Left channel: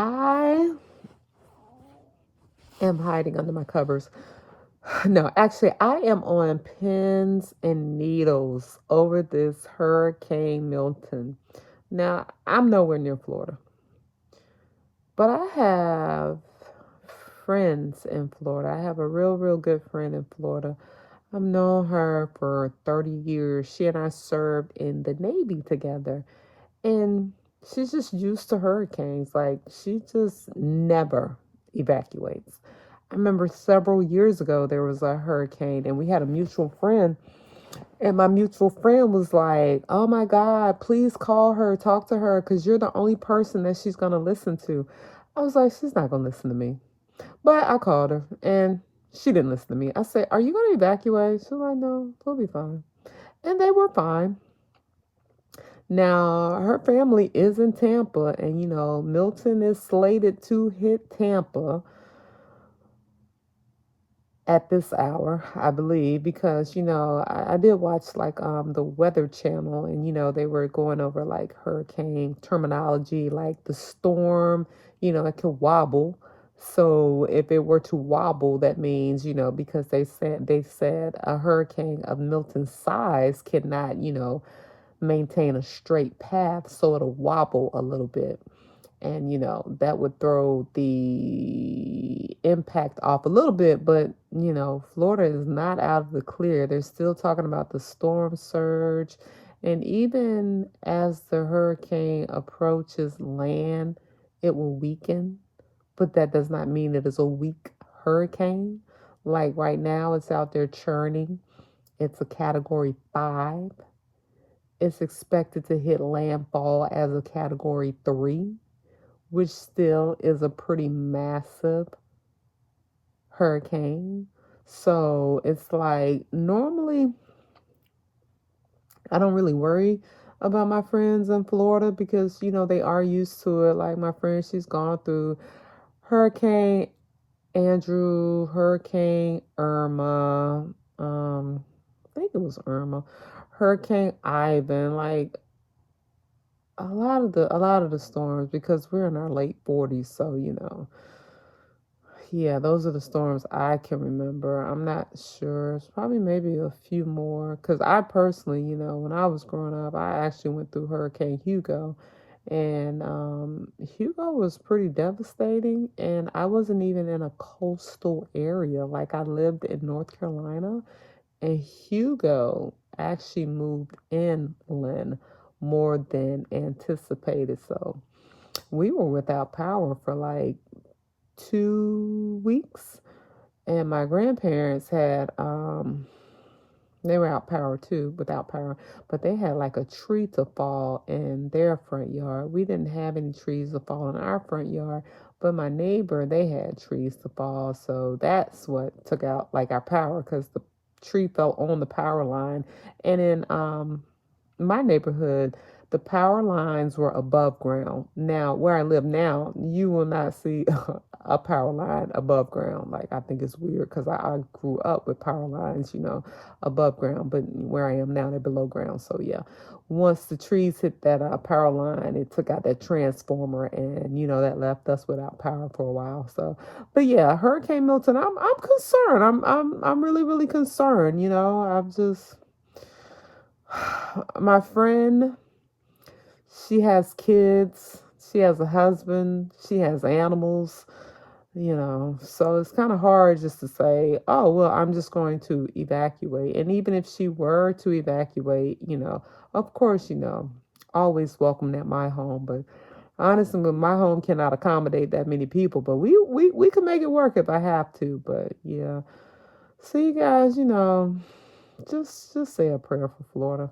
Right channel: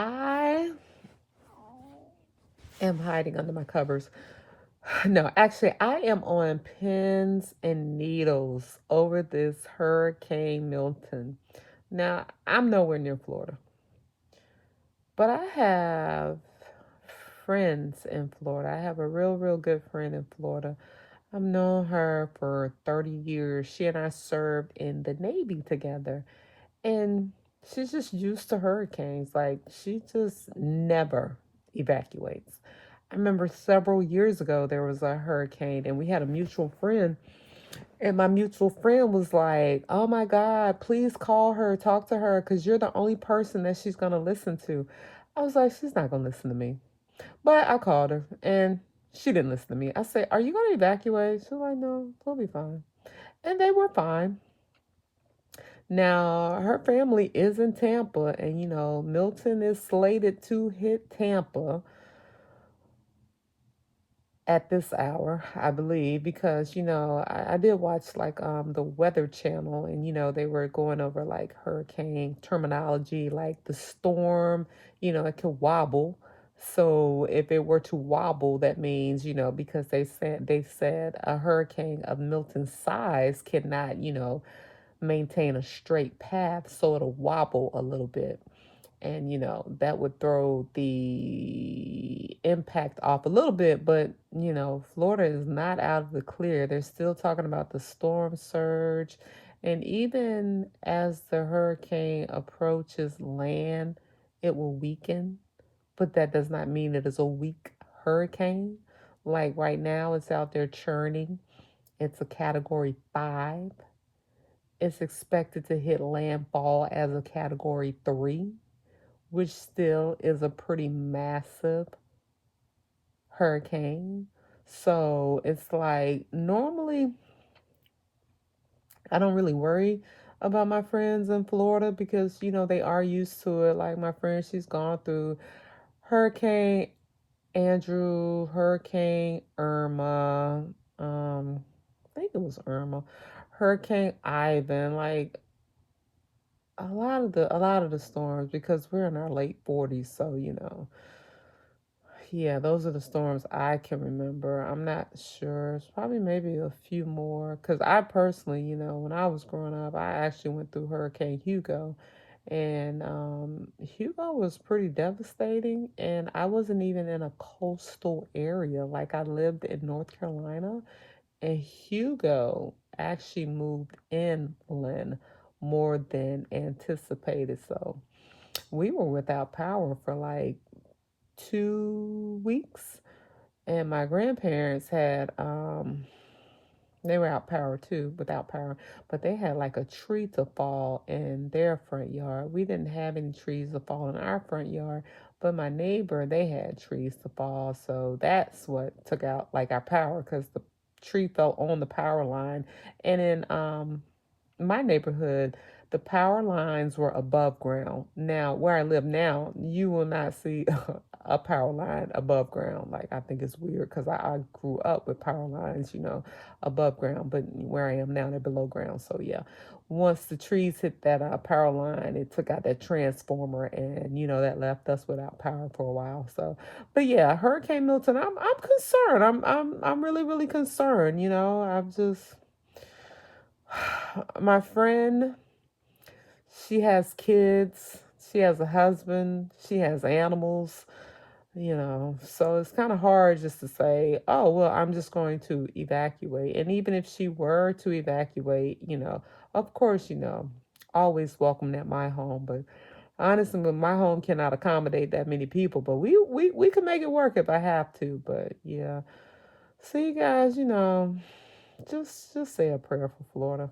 I am hiding under my covers. No, actually, I am on pins and needles over this Hurricane Milton. Now, I'm nowhere near Florida, but I have friends in Florida. I have a real good friend in Florida. I've known her for 30 years. She and I served in the Navy together. And she's just used to hurricanes. Like, she just never evacuates. I remember several years ago, there was a hurricane, and we had a mutual friend. And my mutual friend was like, "Oh my God, please call her, talk to her, because you're the only person that she's going to listen to." I was like, "She's not going to listen to me." But I called her, and she didn't listen to me. I said, "Are you going to evacuate?" She's like, "No, we'll be fine." And they were fine. Now, her family is in Tampa, and Milton is slated to hit Tampa at this hour, I believe, because I did watch like the Weather Channel, and they were going over like hurricane terminology, like the storm, it could wobble. So if it were to wobble, that means, because they said a hurricane of Milton's size cannot, maintain a straight path, so it'll wobble a little bit. And that would throw the impact off a little bit, but Florida is not out of the clear. They're still talking about the storm surge, and even as the hurricane approaches land, it will weaken, but that does not mean it is a weak hurricane. Like right now, it's out there churning. It's a category 5. It's expected to hit landfall as a category 3, which still is a pretty massive hurricane. So it's like normally I don't really worry about my friends in Florida because they are used to it. Like my friend, she's gone through Hurricane Andrew, Hurricane Irma, I think it was Irma, Hurricane Ivan, like a lot of the storms, because we're in our late 40s, so yeah, those are the storms I can remember. I'm not sure. It's probably maybe a few more, because I personally, when I was growing up, I actually went through Hurricane Hugo, and Hugo was pretty devastating, and I wasn't even in a coastal area. Like, I lived in North Carolina, and Hugo actually moved inland more than anticipated. So we were without power for like 2 weeks, and my grandparents had they were out power too, without power, but they had like a tree to fall in their front yard. We didn't have any trees to fall in our front yard, but my neighbor, they had trees to fall, so that's what took out like our power, because the tree fell on the power line. And in my neighborhood, the power lines were above ground. Now, where I live now, you will not see a power line above ground. Like, I think it's weird because I grew up with power lines, above ground, but where I am now, they're below ground. So, yeah, once the trees hit that power line, it took out that transformer, and that left us without power for a while. So, but yeah, Hurricane Milton, I'm concerned. I'm really concerned. I've just my friend, she has kids, she has a husband, she has animals, so it's kind of hard just to say, "Oh, well, I'm just going to evacuate." And even if she were to evacuate, of course, always welcome at my home. But honestly, my home cannot accommodate that many people, but we can make it work if I have to. But yeah, so you guys, just say a prayer for Florida.